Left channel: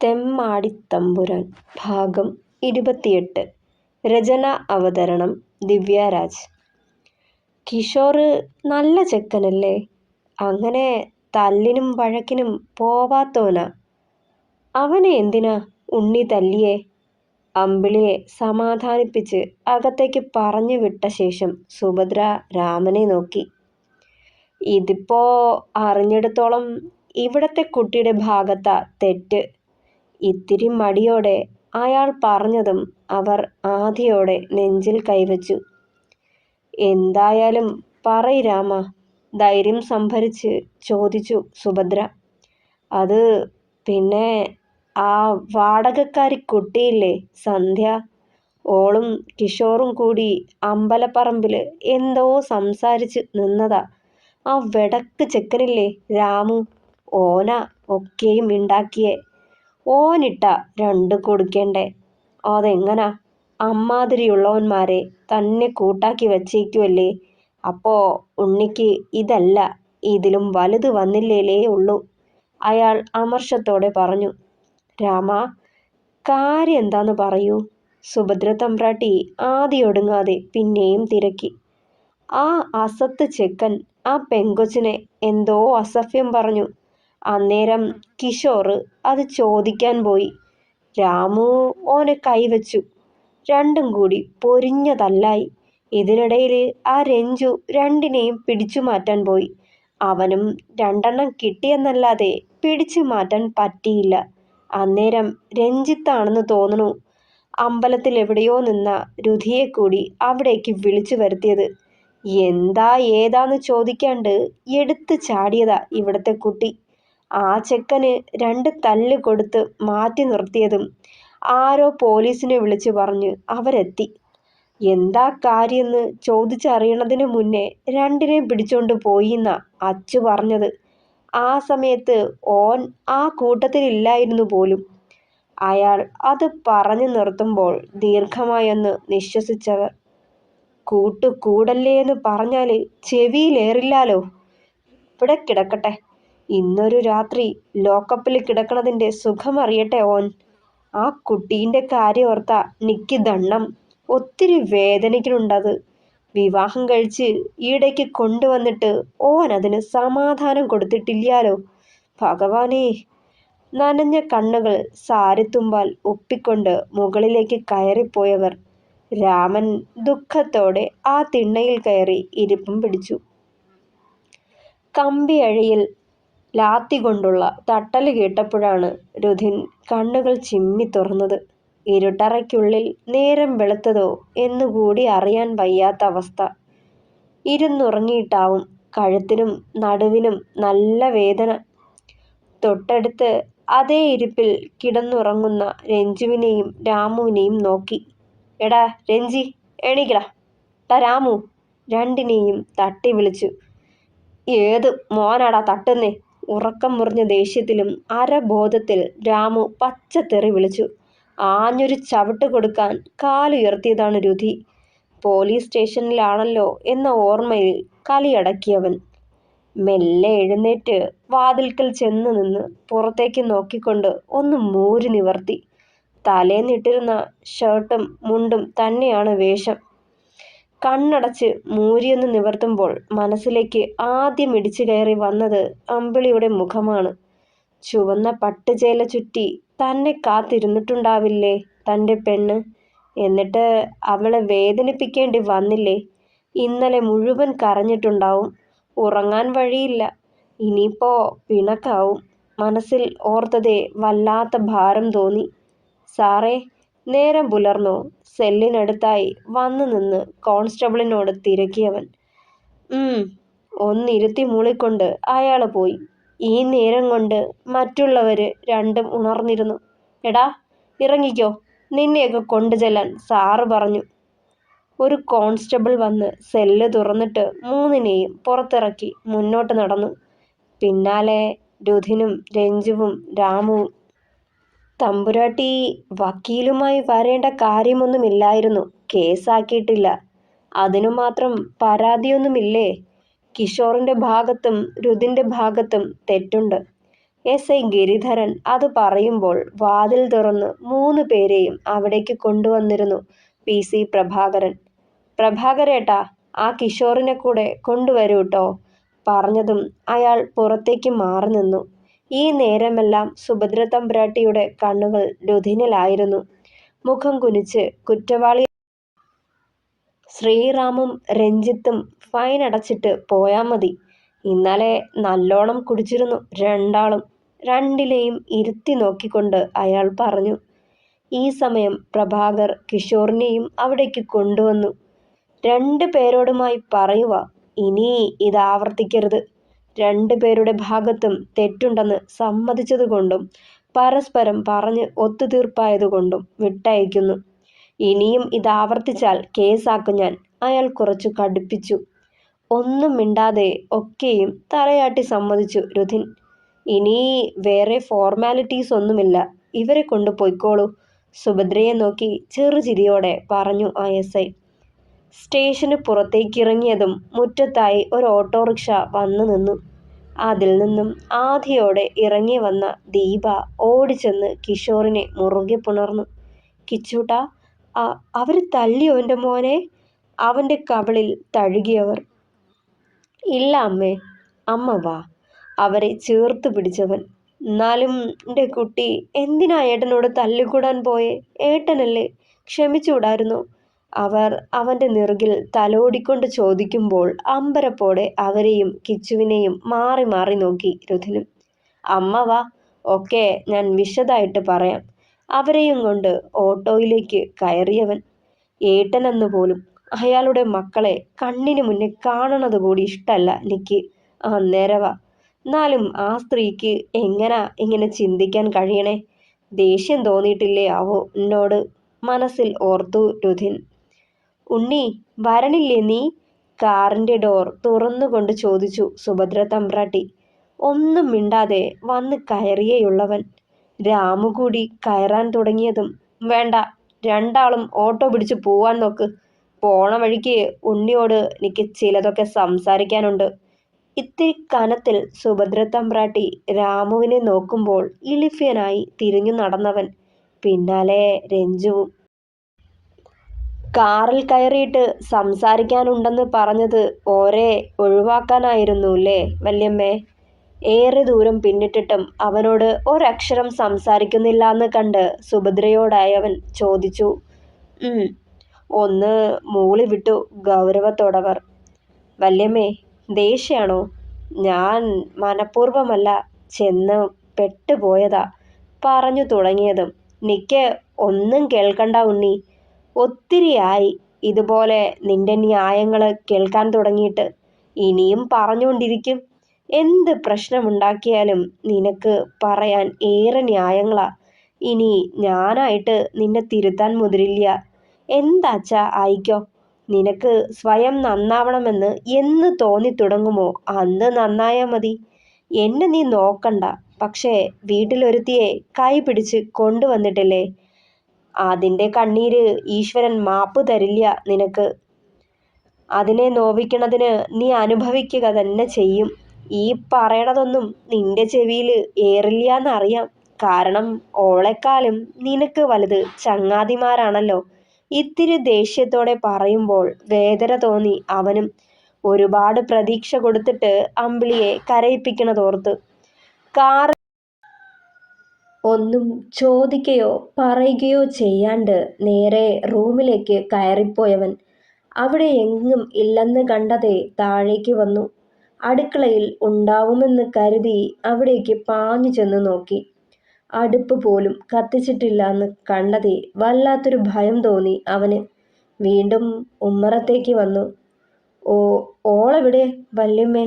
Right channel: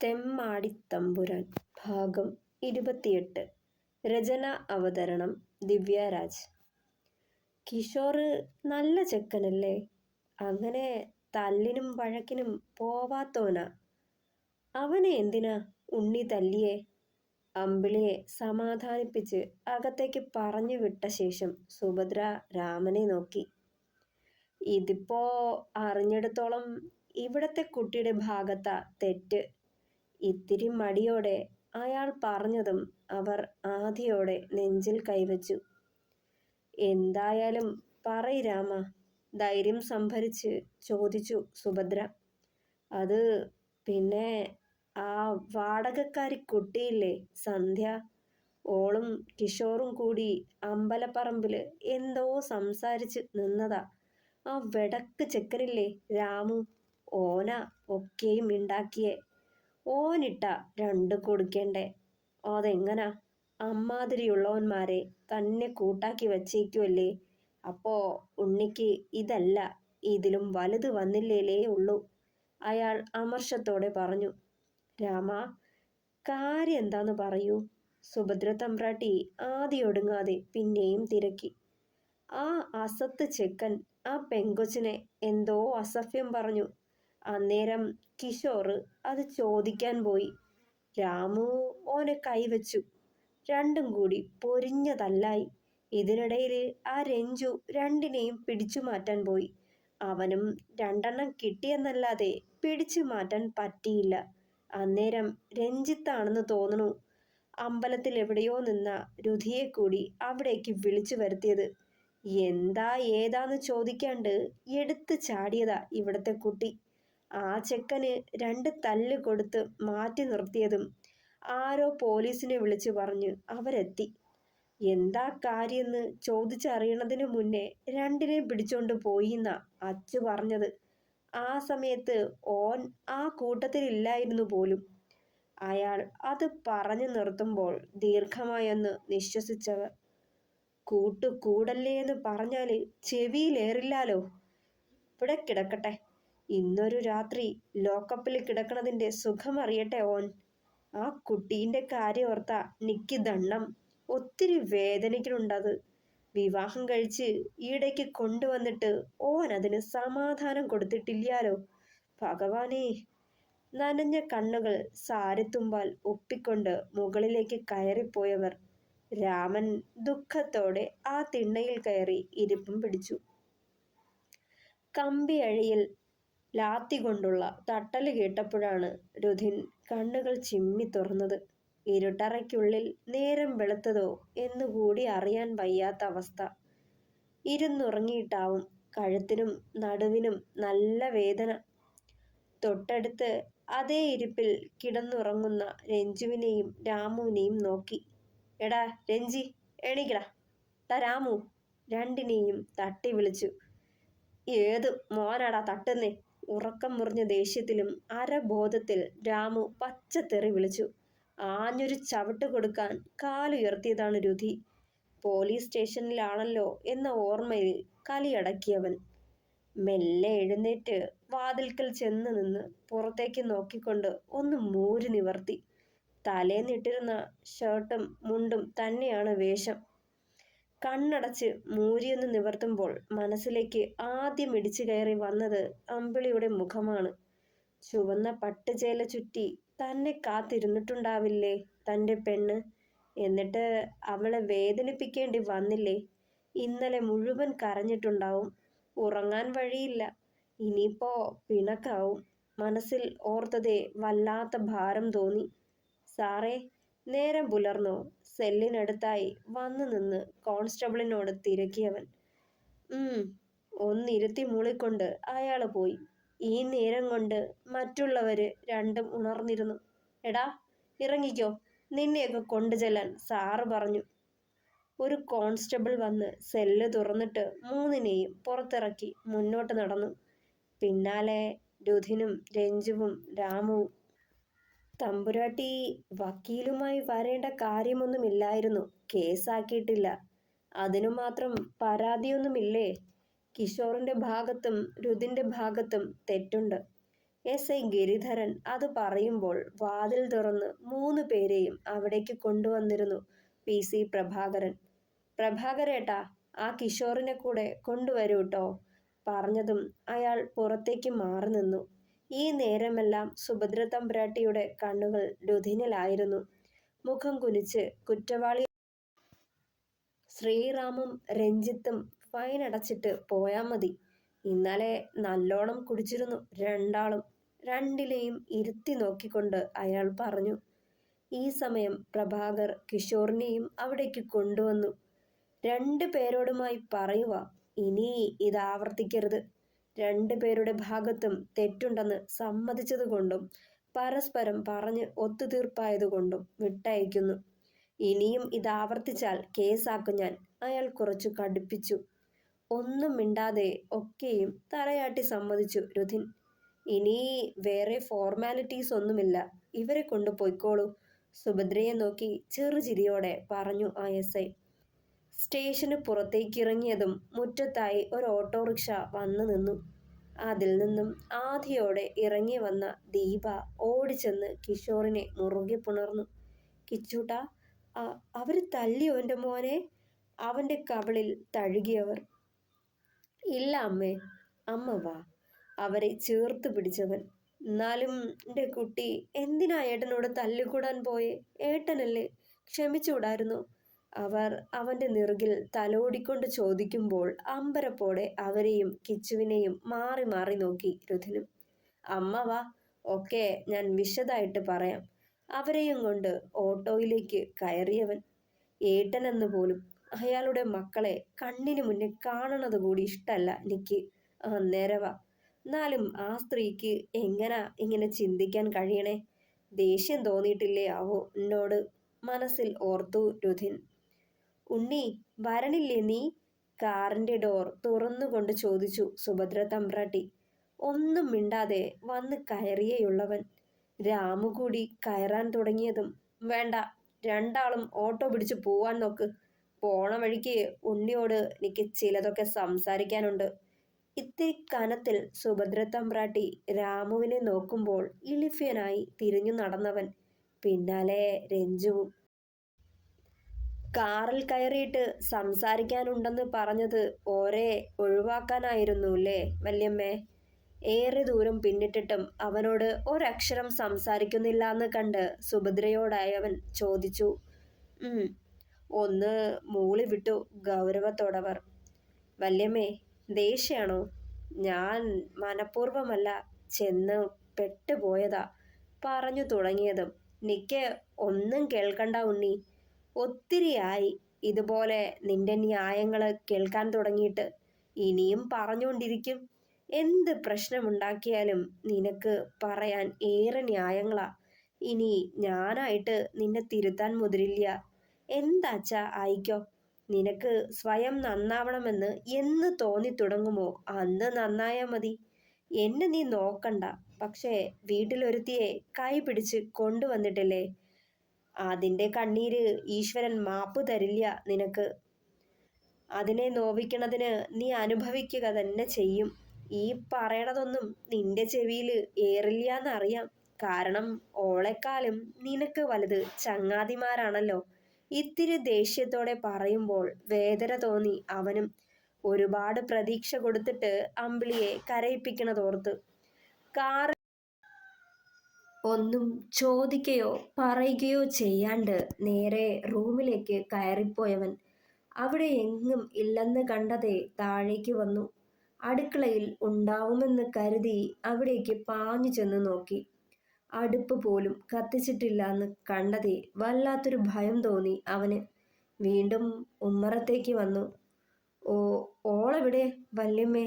തെമ്മാടിത്തമ്പുരാൻ ഭാഗം 28. രചന അവതരണം ദിവ്യരാജ്. കിഷോറ് നല്ല ചെക്കനല്ലേ? അങ്ങനെ തല്ലിനും വഴക്കിനും പോവാത്തോനാ. അവനെ എന്തിനാ ഉണ്ണി തല്ലിയേ? അമ്പിളിയെ സമാധാനിപ്പിച്ച് അകത്തേക്ക് പറഞ്ഞു വിട്ട ശേഷം സുഭദ്ര രാമനെ നോക്കി. ഇതിപ്പോ അറിഞ്ഞിടത്തോളം ഇവിടത്തെ കുട്ടിയുടെ ഭാഗത്താ തെറ്റ്. ഇത്തിരി മടിയോടെ അയാൾ പറഞ്ഞതും അവർ ആധിയോടെ നെഞ്ചിൽ കൈവച്ചു. എന്തായാലും പറയ് രാമ, ധൈര്യം സംഭരിച്ച് ചോദിച്ചു സുഭദ്ര. അത് പിന്നെ ആ വാടകക്കാരി കുട്ടിയില്ലേ സന്ധ്യ, ഓളും കിഷോറും കൂടി അമ്പലപ്പറമ്പില് എന്തോ സംസാരിച്ച് നിന്നതാ. ആ വെടക്ക് ചെക്കനില്ലേ രാമു, ഓനാ ഒക്കെയും ഉണ്ടാക്കിയേ. ഓനിട്ടാ രണ്ടു കൊടുക്കണ്ടേ. അതെങ്ങനാ? അമ്മാതിരിയുള്ളവന്മാരെ തന്നെ കൂട്ടാക്കി വച്ചേക്കുവല്ലേ. അപ്പോ ഉണ്ണിക്ക് ഇതല്ല ഇതിലും വലുത് വന്നില്ലേലേ ഉള്ളൂ, അയാൾ അമർഷത്തോടെ പറഞ്ഞു. രാമ, കാര്യം എന്താന്ന് പറയൂ. സുഭദ്ര തമ്പ്രാട്ടി ആദ്യൊടുങ്ങാതെ പിന്നെയും തിരക്കി. ആ അസത്ത് ചെക്കൻ ആ പെങ്കൊച്ചിനെ എന്തോ അസഭ്യം പറഞ്ഞു. അന്നേരം കിഷോറ് അത് ചോദിക്കാൻ പോയി. രാമു ഓനെ കൈവച്ചു. രണ്ടും കൂടി പൊരിഞ്ഞ തല്ലായി. ഇതിനിടയിൽ ആ രഞ്ജു രണ്ടിനെയും പിടിച്ചു മാറ്റാൻ പോയി. അവനും രണ്ടെണ്ണം കിട്ടിയെന്നല്ലാതെ പിടിച്ചു മാറ്റാൻ പറ്റിയില്ല. അന്നേരം രഞ്ജിത്താണെന്ന് തോന്നുന്നു അമ്പലത്തിൽ എവിടെയോ നിന്ന രുധിയെ കൂടി അവിടേക്ക് വിളിച്ചു വരുത്തിയത്. എന്താ ഏതാന്ന് ചോദിക്കാണ്ട് എടുത്ത് ചാടിയതാ ഇവിടത്തെ കുട്ടി. ആ ചെക്കന് രണ്ട് തല്ല് കൊടുത്ത് മാറ്റി നിർത്തിയതും ആരോ പോലീസിനെ വിളിച്ചു പറഞ്ഞ് അവരെത്തി. എന്താ കാര്യമെന്ന് ചോദിച്ചറിയണതിനു മുന്നേ രണ്ടിനെയും പിടിച്ചോണ്ട് പോയിന്നാ അച്ചു പറഞ്ഞത്. ആ സമയത്ത് ഓൻ ആ കൂട്ടത്തിലില്ലായിരുന്നു പോലും. അയാൾ അത് പറഞ്ഞു നിർത്തുമ്പോൾ ദീർഘമായൊന്ന് നിശ്വസിച്ചവർ. കൂടല്ലേന്ന് പറഞ്ഞാല് ചെവിയിലേറില്ലാലോ. ഇവിടെ കിടക്കട്ടെ, ഇന്നൊരു രാത്രി ലോക്കപ്പിൽ കിടക്കണതിൻ്റെ സുഖമറിയട്ടെ ഓൻ. ആ കുട്ടീൻ്റെ കാര്യോർത്താ നിക്ക് ദണ്ണം. ഒത്തിരി വേദനിക്കുന്നുണ്ടത്. വിവാഹം കഴിച്ച് ഈടേക്ക് കൊണ്ടുവന്നിട്ട് ഓൻ അതിന് സമാധാനം കൊടുത്തിട്ടില്ലാലോ. ഭഗവാനേ. നനഞ്ഞ കണ്ണുകൾ സാരിത്തുമ്പാൽ ഒപ്പിക്കൊണ്ട് മുകളിലേക്ക് കയറിപ്പോയവർ. രാമൻ ദുഃഖത്തോടെ ആ തിണ്ണയിൽ കയറി ഇരിപ്പും പിടിച്ചു. കമ്പിയഴിയിൽ ലാത്തി കൊണ്ടുള്ള തട്ടല് കേട്ടപ്പോഴാണ് രുധിൻ കണ്ണുകൾ ചിമ്മി തുറന്നത്. ഇരുട്ടറയ്ക്കുള്ളിൽ നേരം വെളുത്തതോ എന്നുകൂടി അറിയാൻ വയ്യാത്ത അവസ്ഥ. ഇരുന്നുറങ്ങിയിട്ടാവും കഴുത്തിനും നടുവിനും നല്ല വേദന. തൊട്ടടുത്ത് അതേ ഇരിപ്പിൽ കിടന്നുറങ്ങുന്ന രഞ്ജുവിനെയും രാമുവിനെയും നോക്കി. എടാ രഞ്ജി, എണീക്കടാ. ടാ രാമു, രണ്ടിനെയും തട്ടി വിളിച്ചു. ഏത് മോനാടാ തട്ടുന്നേ? ഉറക്കം മുറിഞ്ഞ ദേഷ്യത്തിലും അരബോധത്തിൽ രാമു പച്ചത്തെറി വിളിച്ചു. ആഞ്ഞൊരു ചവിട്ട് കൊടുക്കാൻ കാലുയർത്തിയതാണ് രുധി. പോലീസ് സ്റ്റേഷനിലാണല്ലോ എന്ന ഓർമ്മയിൽ കലിയടക്കിയവൻ മെല്ലെ എഴുന്നേറ്റ് വാതിൽക്കൽ ചെന്ന് നിന്ന് പുറത്തേക്ക് നോക്കിക്കൊണ്ട് ഒന്ന് മൂരി നിവർത്തി. തലേന്നിട്ടിരുന്ന ഷർട്ടും മുണ്ടും തന്നെയാണ് വേഷം. കണ്ണടച്ച് മൂരിയൊന്ന് നിവർത്തുമ്പോൾ മനസ്സിലേക്ക് ആദ്യം ഇടിച്ചു കയറി വന്നത് അമ്പിളിയുടെ മുഖമാണ്. ചുവന്ന പട്ടുചേല ചുറ്റി തന്നെ കാത്തിരുന്നിട്ടുണ്ടാവില്ലേ തൻ്റെ പെണ്ണ്. എന്നിട്ട് അവളെ വേദനിപ്പിക്കേണ്ടി വന്നില്ലേ. ഇന്നലെ മുഴുവൻ കരഞ്ഞിട്ടുണ്ടാവും. ഉറങ്ങാൻ വഴിയില്ല. ഇനിയിപ്പോ പിണക്കാവും. മനസ്സിൽ ഓർത്തതേ വല്ലാത്ത ഭാരം തോന്നി. സാറേ, നേരം പുലർന്നോ? സെല്ലിനടുത്തായി വന്നു നിന്ന് കോൺസ്റ്റബിളിനോട് തിരക്കിയവൻ. ഒന്നിരുത്തി മൂളിക്കൊണ്ട് അയാൾ പോയി. ഈ നേരം കൊണ്ട് മറ്റുള്ളവര് രണ്ടും ഉണർന്നിരുന്നു. എടാ ഇറങ്ങിക്കോ, നിന്നെയൊക്കെ കൊണ്ടുചെല്ലാൻ സാറ് പറഞ്ഞു. ഒരു കോൺസ്റ്റബിൾ വന്ന് സെല്ല് തുറന്നിട്ട് മൂന്നിനെയും പുറത്തിറക്കി മുന്നോട്ട് നടന്നു. പിന്നാലെ രുധിനും രഞ്ജുവും രാമുവും. തമ്പുരാട്ടി വക്കീലുമായി വരേണ്ട കാര്യമൊന്നുമില്ലായിരുന്നു. കേസാക്കിയിട്ടില്ല. അതിനു മാത്രം പരാതിയൊന്നുമില്ലേ? കിഷോറിൻ്റെ ഭാഗത്തും രുധിൻ്റെ ഭാഗത്തും തെറ്റുണ്ട്. എസ് ഐ ഗിരിധരൻ അത് പറയുമ്പോൾ വാതിൽ തുറന്ന് 3 പേരെയും അവിടേക്ക് കൊണ്ടുവന്നിരുന്നു PC പ്രഭാകരൻ. പ്രഭാകരേട്ടാ, ആ കിഷോറിനെ കൂടെ കൊണ്ടുവരൂട്ടോ. പറഞ്ഞതും അയാൾ പുറത്തേക്ക് മാറി നിന്നു. ഈ നേരമെല്ലാം സുഭദ്ര തമ്പുരാട്ടിയുടെ കണ്ണുകൾ രുധിനിലായിരുന്നു. മുഖം കുനിച്ച് കുറ്റവാളി ശ്രീറാമും രഞ്ജിത്തും ഫൈൻ അടച്ചിട്ട് പോയാൽ മതി. ഇന്നലെ നല്ലോണം കുടിച്ചിരുന്നു രണ്ടാളും. രണ്ടിലെയും ഇരുത്തി നോക്കിക്കൊണ്ട് അയാൾ പറഞ്ഞു. ഈ സമയം പ്രഭാകർ കിഷോറിനെയും അവിടേക്ക് കൊണ്ടുവന്നു. 2 പേരോടുമായി പറയുക, ഇനി ഇതാവർത്തിക്കരുത്. 2 പേരുടെ ഭാഗത്തും തെറ്റുണ്ടെന്ന് സമ്മതിച്ചതുകൊണ്ടും പരസ്പരം പറഞ്ഞ് ഒത്തുതീർപ്പായതുകൊണ്ടും വിട്ടയക്കുന്നു. ഇനിയും ഇതാവർത്തിച്ചാൽ കേസാക്കും ഞാൻ. അയാൾ കുറച്ചു കടുപ്പിച്ചു. ഒന്നും മിണ്ടാതെ ഒക്കെയും തലയാട്ടി സമ്മതിച്ചു രുധിൻ. ഇനി വേറെ ഫോർമാലിറ്റീസ് ഒന്നുമില്ല. ഇവരെ കൊണ്ട് പൊയ്ക്കോളൂ. സുഭദ്രയെ നോക്കി ചെറുചിരിയോടെ പറഞ്ഞു ആ SI. സ്റ്റേഷന് പുറത്തേക്കിറങ്ങിയതും മുറ്റത്തായി ഒരു ഓട്ടോറിക്ഷ വന്നു നിന്നു. അതിൽ നിന്നും ആധിയോടെ ഇറങ്ങി വന്ന ദീപ ഓടിച്ചെന്ന് കിഷോറിനെ മുറുകെ പുണർന്നു. കിച്ചൂട്ടാ, അവര് തല്ലിയോ എൻ്റെ മോനെ? അവൻ്റെ കവിളിൽ തഴുകിയവർ. ഇല്ല അമ്മേ. അമ്മ വാ. അവരെ ചേർത്ത് പിടിച്ചവൻ. എന്നാലും എൻ്റെ കുട്ടി എന്തിനാ ഏട്ടനോട് തല്ലിക്കൂടാൻ പോയേ? ഏട്ടനല്ലേ, ക്ഷമിച്ചുകൂടായിരുന്നോ? അവർ അവൻ്റെ നെറുകിൽ തലോടിക്കൊണ്ട് ചോദിക്കുമ്പോൾ അമ്പരപ്പോടെ അവരെയും കിച്ചുവിനെയും മാറി മാറി നോക്കി രുധിനും. അമ്മ വാ, ഒക്കെ ഞാൻ വിശദമായിട്ട് പറയാം. അവരെയും കൊണ്ട് ഓട്ടോയിലേക്ക് കയറിയവൻ. ഏട്ടനെന്ന് പോലും അയാളുടെ മക്കളെ കണ്ണിന് മുന്നേ കാണണത് കൂടി ഇഷ്ടമല്ല എനിക്ക്. അന്നേരവാ. എന്നാലും ആ സ്ത്രീക്ക് എങ്ങനാ ഇങ്ങനെ ചിന്തിക്കാൻ കഴിയണേ? ദേഷ്യം തോന്നിയിട്ടില്ലേ ആവോ എന്നോട്? മനസ്സിൽ ഓർത്തു രുധിൻ. ഉണ്ണി, വരണില്ലേ നീ? കാറിൻ്റെ ഡോർ തുറന്നുകൊണ്ട് ചോദിച്ചു സുഭദ്ര തമ്പ്രാട്ടി. ഒന്നും മിണ്ടാതെ വന്ന് കയറിയേയുള്ളവൻ. രാമു കൂടി കയറാൻ തുടങ്ങിയതും, വേണ്ട, രണ്ടാളും ഓട്ടോ പിടിച്ച് പോവാൻ നോക്ക്. പോണ വഴിക്ക് ഉണ്ണിയോട് എനിക്ക് ചിലതൊക്കെ സംസാരിക്കാനുണ്ട്. ഇത്തിരി കനത്തിൽ സുഭദ്ര തമ്പ്രാട്ടി രാമുവിനെ നോക്കുമ്പോൾ ഇളിഫ്യനായി തിരിഞ്ഞു നടന്നവൻ. പിന്നാലെ രഞ്ജുവും. കാറിൽ കയറിയിട്ട് സംസാരിക്കാനുണ്ടെന്ന് പറഞ്ഞത് ഓരെ ഒഴിവാക്കാനായിരുന്നുല്ലേ വല്യമ്മേ? ഏറെ ദൂരം പിന്നിട്ടിട്ടും അവനോട് ഒരക്ഷരം സംസാരിക്കുന്നില്ലാന്ന് കണ്ട് സുഭദ്രയോടായവൻ ചോദിച്ചു. ഒന്ന് മൂളി വിട്ടു ഗൗരവത്തോടവർ. വല്യമ്മേ, ദേഷ്യാണോ? ഞാൻ മനഃപൂർവ്വമല്ല, ചെന്ന് പെട്ടുപോയതാ. പറഞ്ഞു തുടങ്ങിയതും, നിക്ക് ഒന്നും കേൾക്കണ്ട ഉണ്ണി. ഒത്തിരിയായി ഇതുപോലെ നിന്റെ ന്യായങ്ങൾ കേൾക്കാൻ തുടങ്ങിയിട്ട്. ഇനിയും പറഞ്ഞുകൊണ്ടിരിക്കും. എന്ത് പ്രശ്നമുണ്ടാക്കിയാലും നിനക്ക് പറയാൻ ഏറെ ന്യായങ്ങളാ. ഇനി ഞാനായിട്ട് നിന്നെ തിരുത്താൻ മുതിരില്ല. എന്താച്ചാ ആയിക്കോ. നിനക്ക് സ്വയം നന്നാവണമെന്ന് എന്ന് തോന്നി തുടങ്ങുമോ അന്ന് നന്നായാൽ മതി. എന്നെ നീ നോക്കണ്ട. പക്ഷേ വീട്ടിലൊരുത്തിയെ കൈ പിടിച്ച് കൊണ്ടുവന്നിട്ടില്ലേ, അതിൻ്റെ കണ്ണീര് ഈശ്വരൻ മാപ്പ് തരില്ല നിനക്ക്. അതിനെ നോവിക്കണതിന് നീ അനുഭവിക്കുക തന്നെ ചെയ്യും. ഈ പറയണതൊന്നും നിന്റെ ചെവിയിൽ ഏറില്ലാന്നറിയാം. കാരണം ഓളെക്കാളും നിനക്ക് വലുത് ചങ്ങാതിമാരാണല്ലോ. ഇത്തിരി ദേഷ്യത്തോടെ പറയുമ്പോൾ വേദന തോന്നി അവനും. ഒരുപാട് പ്രതീക്ഷ കൊടുത്തിട്ട് അമ്പിളിയെ കരയിപ്പിക്കണതോർത്ത്. കാർ ഒന്നും ചോദിക്കുകയോ പറയുകയോ ചെയ്യാണ്ട് നേരെ റൂമിലേക്ക് കയറിപ്പോയവൻ അവിടെ എങ്ങും ഇല്ലെന്ന് കണ്ടതേ താഴേക്ക് വന്നു. അടുക്കളയിൽ ഉണ്ടാവുമെന്ന് കരുതി അവിടേക്ക് പാഞ്ഞു ചെന്ന് നോക്കി. അടുപ്പ് പോലും കത്തിച്ചിട്ടില്ലെന്ന് കണ്ടതേ വല്ലാത്തൊരു ഭയം തോന്നി അവന്. വീണ്ടും ഉമ്മറത്തേക്ക് വന്നു. ഓളെവിടെ വല്യമ്മേ?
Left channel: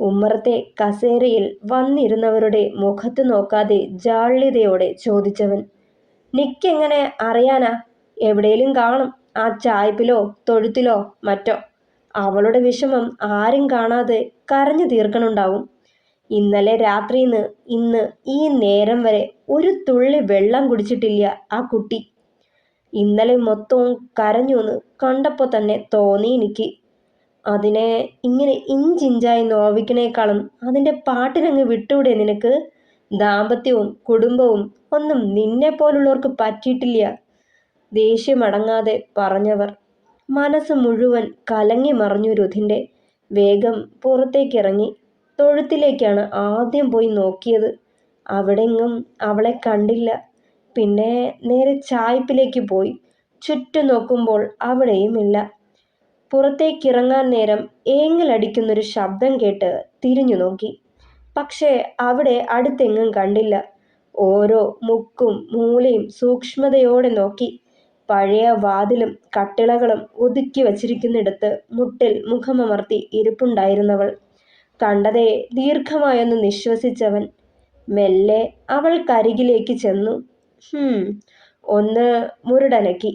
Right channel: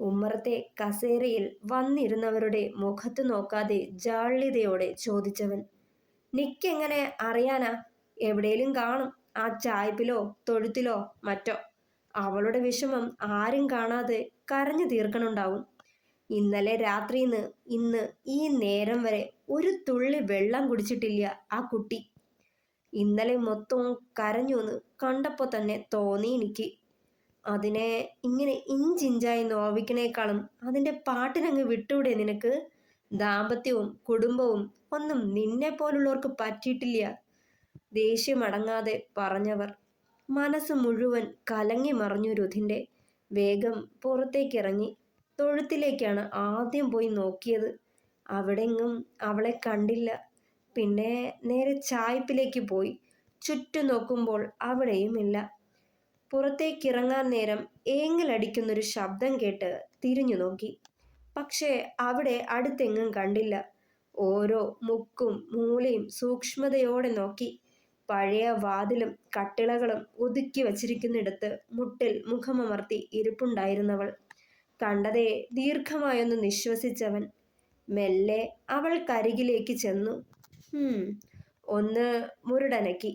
ഉമ്മറത്തെ കസേരയിൽ വന്നിരുന്നവരുടെ മുഖത്ത് നോക്കാതെ ജാള്യതയോടെ ചോദിച്ചവൻ. നിക്കെങ്ങനെ അറിയാനാ? എവിടെയും കാണും, ആ ചായ്പിലോ തൊഴുത്തിലോ മറ്റോ. അവളുടെ വിഷമം ആരും കാണാതെ കരഞ്ഞു തീർക്കണുണ്ടാവും. ഇന്നലെ രാത്രിന്ന് ഇന്ന് ഈ നേരം വരെ ഒരു തുള്ളി വെള്ളം കുടിച്ചിട്ടില്ല ആ കുട്ടി. ഇന്നലെ മൊത്തവും കരഞ്ഞൂന്ന് കണ്ടപ്പോൾ തന്നെ തോന്നി എനിക്ക്. അതിനെ ഇങ്ങനെ ഇഞ്ചിഞ്ചായി നോവിക്കണേക്കാളും അതിൻ്റെ പാട്ടിനങ്ങ് വിട്ടൂടെ നിനക്ക്? ദാമ്പത്യവും കുടുംബവും ഒന്നും നിന്നെപ്പോലുള്ളവർക്ക് പറ്റിയിട്ടില്ല. ദേഷ്യമടങ്ങാതെ പറഞ്ഞവർ. മനസ്സ് മുഴുവൻ കലങ്ങി മറിഞ്ഞു രുധിൻ്റെ. വേഗം പുറത്തേക്കിറങ്ങി. തൊഴുത്തിലേക്കാണ് ആദ്യം പോയി നോക്കിയത്. അവിടെങ്ങും അവളെ കണ്ടില്ല. പിന്നെ നേരെ ചായ്പിലേക്ക് പോയി. ചുറ്റും നോക്കുമ്പോൾ അവിടെയുമില്ല. പുറത്തേക്കിറങ്ങാൻ നേരം ഏങ്ങലടിക്കുന്നൊരു ശബ്ദം കേട്ട് തിരിഞ്ഞു നോക്കി. പക്ഷേ അവിടെ അടുത്തെങ്ങും കണ്ടില്ല. ഓരോ മുക്കും മൂലയും സൂക്ഷ്മതയോടെ നോക്കി. പഴയ വാതിലും കട്ടിളകളും ഒതുക്കി വച്ചിരിക്കുന്നിടത്ത് മുട്ടിൽ മുഖമമർത്തി ഇരിപ്പുണ്ടായിരുന്നവൾ. കണ്ടതേ ദീർഘമായൊന്ന് നിശ്വസിച്ചവൻ മെല്ലെ അവൾക്കരികിലേക്ക് ചെന്നു. ഒന്ന് മുരടനക്കി.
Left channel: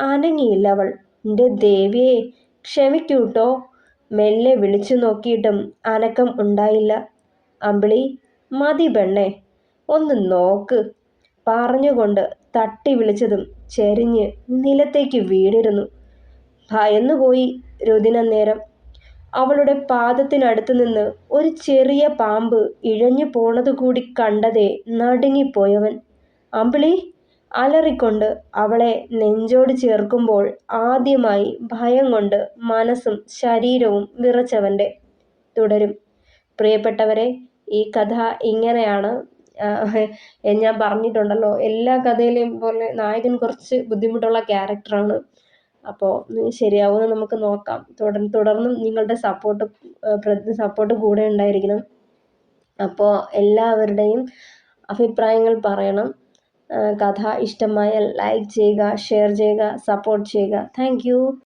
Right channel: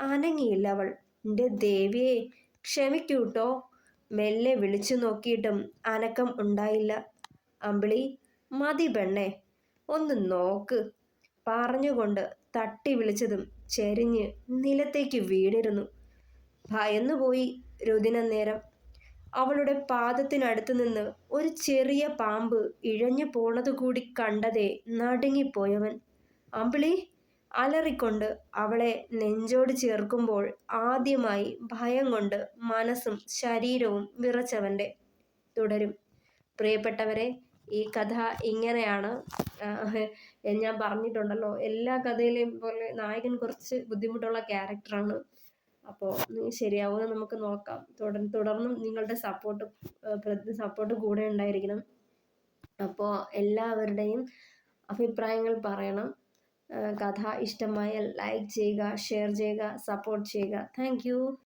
അനങ്ങിയില്ലവൾ. എൻ്റെ ദേവിയെ, ക്ഷമിക്കൂട്ടോ. മെല്ലെ വിളിച്ചു നോക്കിയിട്ടും അനക്കം ഉണ്ടായില്ല. അമ്പിളി, മതി പെണ്ണേ, ഒന്ന് നോക്ക് പറഞ്ഞുകൊണ്ട് തട്ടി വിളിച്ചതും ചെരിഞ്ഞ് നിലത്തേക്ക് വീണിരുന്നു. ഭയന്നുപോയി രുധിനന്നേരം. അവളുടെ പാദത്തിനടുത്ത് നിന്ന് ഒരു ചെറിയ പാമ്പ് ഇഴഞ്ഞു പോണതുകൂടി കണ്ടതേ നടുങ്ങിപ്പോയവൻ. അമ്പിളി അലറിക്കൊണ്ട് അവളെ നെഞ്ചോട് ചേർക്കുമ്പോൾ ആദ്യമായി ഭയം കൊണ്ട് മനസ്സും ശരീരവും വിറച്ചവൻ്റെ. തുടരും. പ്രിയപ്പെട്ടവരെ, ഈ കഥ ഇങ്ങനെയാണ്. ഞാൻ പറഞ്ഞിട്ടുണ്ടല്ലോ, എല്ലാ കഥയിലെയും പോലെ നായകൻ കുറച്ച് ബുദ്ധിമുട്ടുള്ള ക്യാരക്ടറാണ്. അപ്പോൾ ശരിയാവുമെന്ന് നമുക്ക് നോക്കാം. തുടർന്നും നിങ്ങളുടെ സപ്പോർട്ട് കൂടെ ഉണ്ടായിരിക്കണം. അപ്പോൾ എല്ലാവരുടെയും അഭിപ്രായങ്ങൾ പറയണം. കഥ ഇഷ്ടമായാൽ ലൈക്ക് ചെയ്യുക, ഷെയർ ചെയ്യുക, സപ്പോർട്ട് ചെയ്യുക. Thank you.